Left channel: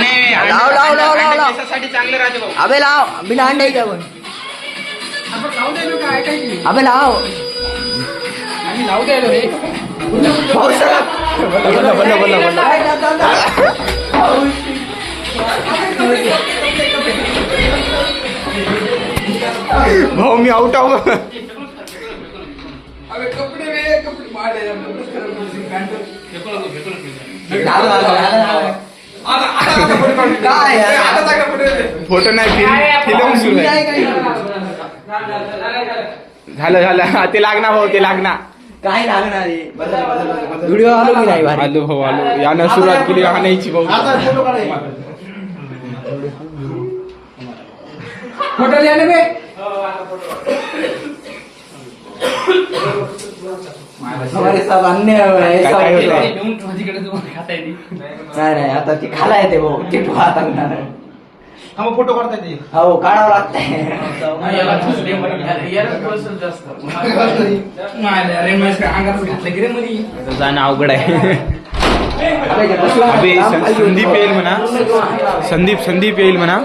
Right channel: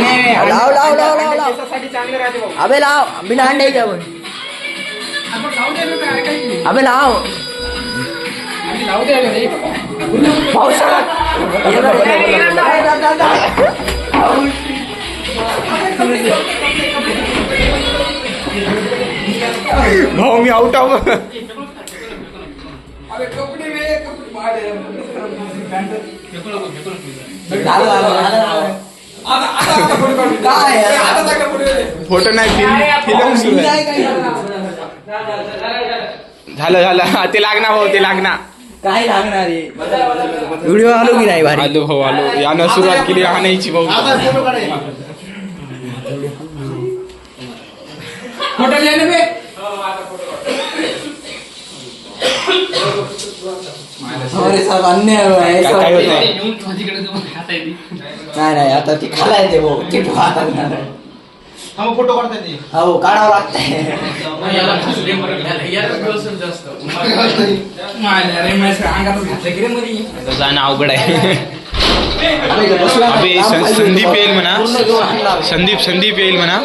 नाही नाही लाव लाव लाव लाव लाव केसासाठी चांगलं राहते भाऊ. अबे लाव बिना अंड्याचे आपण अबे लाव पावसाळ्यात भाऊ मी आउट आहो. फोटो नाही फिल्म सुरू आहे. झालं ते लागणार भाऊ ते लागणार. काय लागणार व्हिडिओ आलो की नाही आलो भाऊ आलो. यानं सुरुवात केली आणायची भाऊ. फोटो लिहा बे काय होत आहे नाही आता ती खाला येते भाऊ ते फोटो काढता ते हो काढावं लागतंय. जाणं अवघड आहे. अबे संदीप येईल म्हणा. संदीप येईल म्हणा.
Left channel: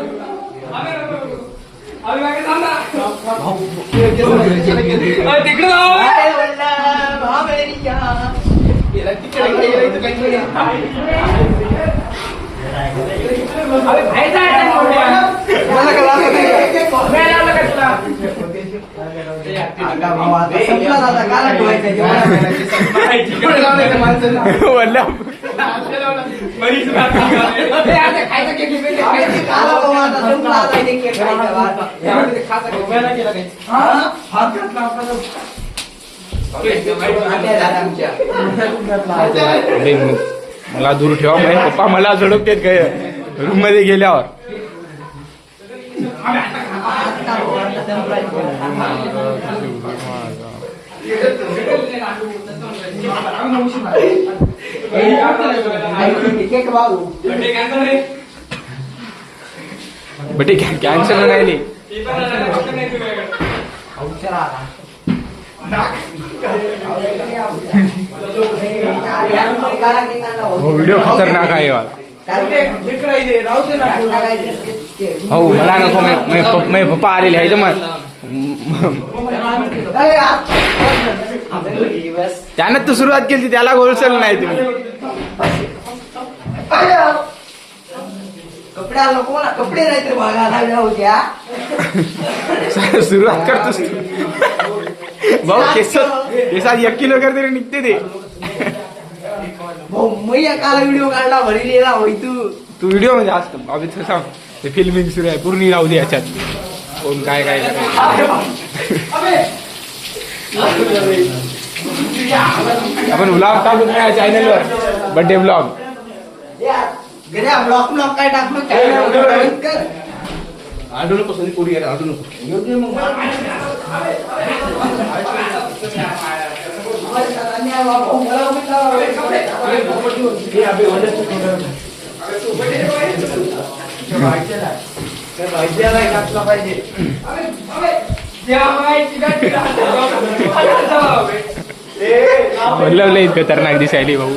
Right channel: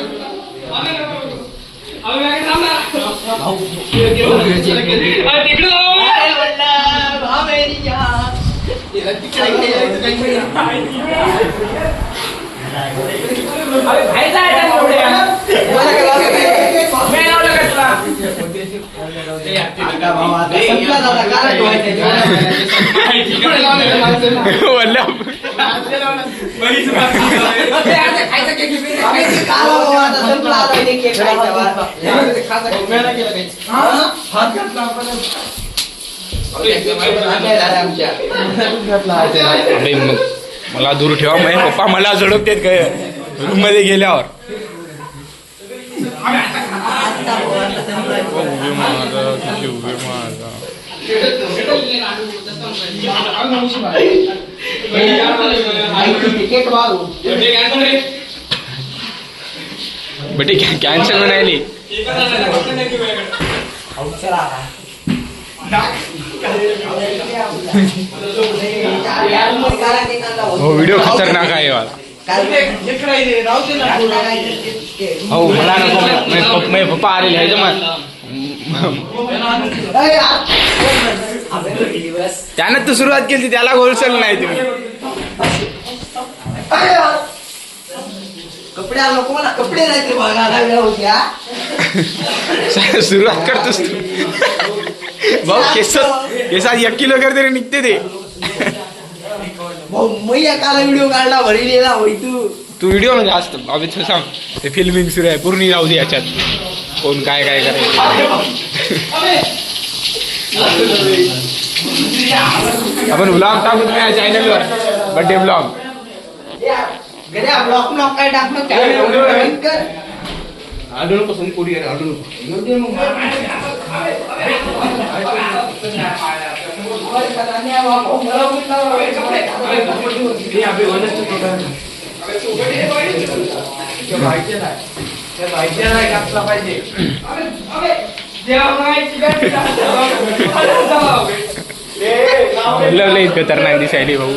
मला दूर ठेवा. माझे पप्पा मला झडपतेत काय रूम मध्ये गेल्यावर. बेटे कॅन्सल म्हणाली. व्हिडिओ खतरनाक आहे वाला. हो मला नको. पप्पा आलेले आहे मग त्यानं तर सुरुवात केली त्याला होलसेल नाही तुम्ही. कपडे नाही बघा सुरुवात करतोस तू भाऊ. केसात 1 किलो तरी निघते ते. काल व्हिडिओ काढला भरलेला होई तू व्हिडिओ म्हणजे असत अभि सांग. ते फिल्मिंग सुरू आहे पूर्ण राहू दे याच्यात. कोण काय काय करायचं. आपण ब्लॉग टाकू नाही चॅनलवर. बर्थडे ब्लॉग ब्लॉक काय टाकणं आडू नको सोनी पोडी आडू नको. खतरनाक दिसायली भाऊ.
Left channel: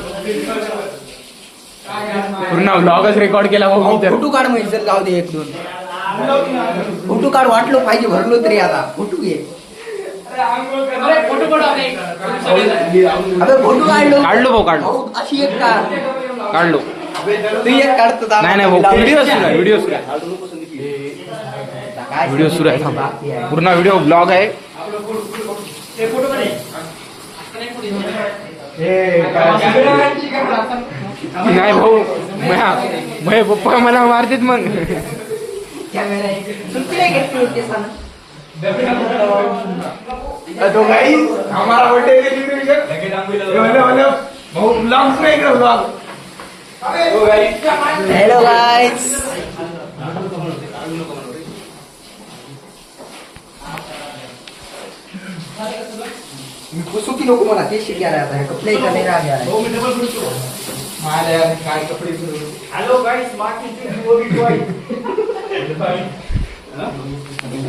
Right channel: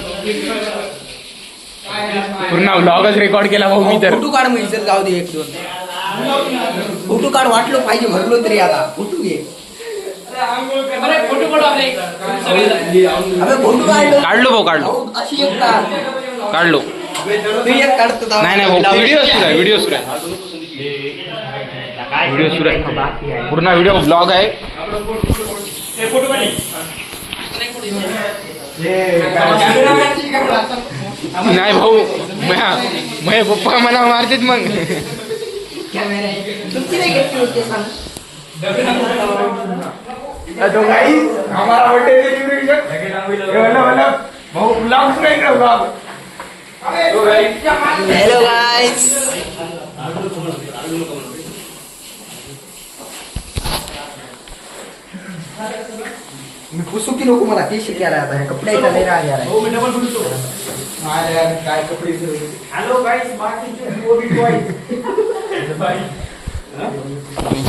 पूर्ण व्लॉगच रेकॉर्ड केला भाऊ मी तर. फोटो काढ म्हणजे जाऊ दे 1-2 फोटो काढ. वाटलं पाहिजे भरलो तरी आता फोटो घे. काढलो भाऊ काढलो. अशी एक काढलो. नाही भाऊ व्हिडिओ सुरू आहे. पूर्ण व्हिडिओ ब्लॉग आहे. नाही भाऊ माझे पप्पा मला मारतात मग. तो गाइस हमारा बर्थडे भाऊ ब्लॉग्स में ब्लॉग. Hello guys. मी पुसू की नको मला ते शिकायला आता कपडे इकडे राहिले. काय कपडे. हॅलो गाइस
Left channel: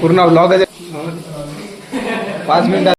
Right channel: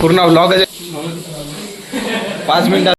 पूर्ण ब्लॉग 5 मिनिटात.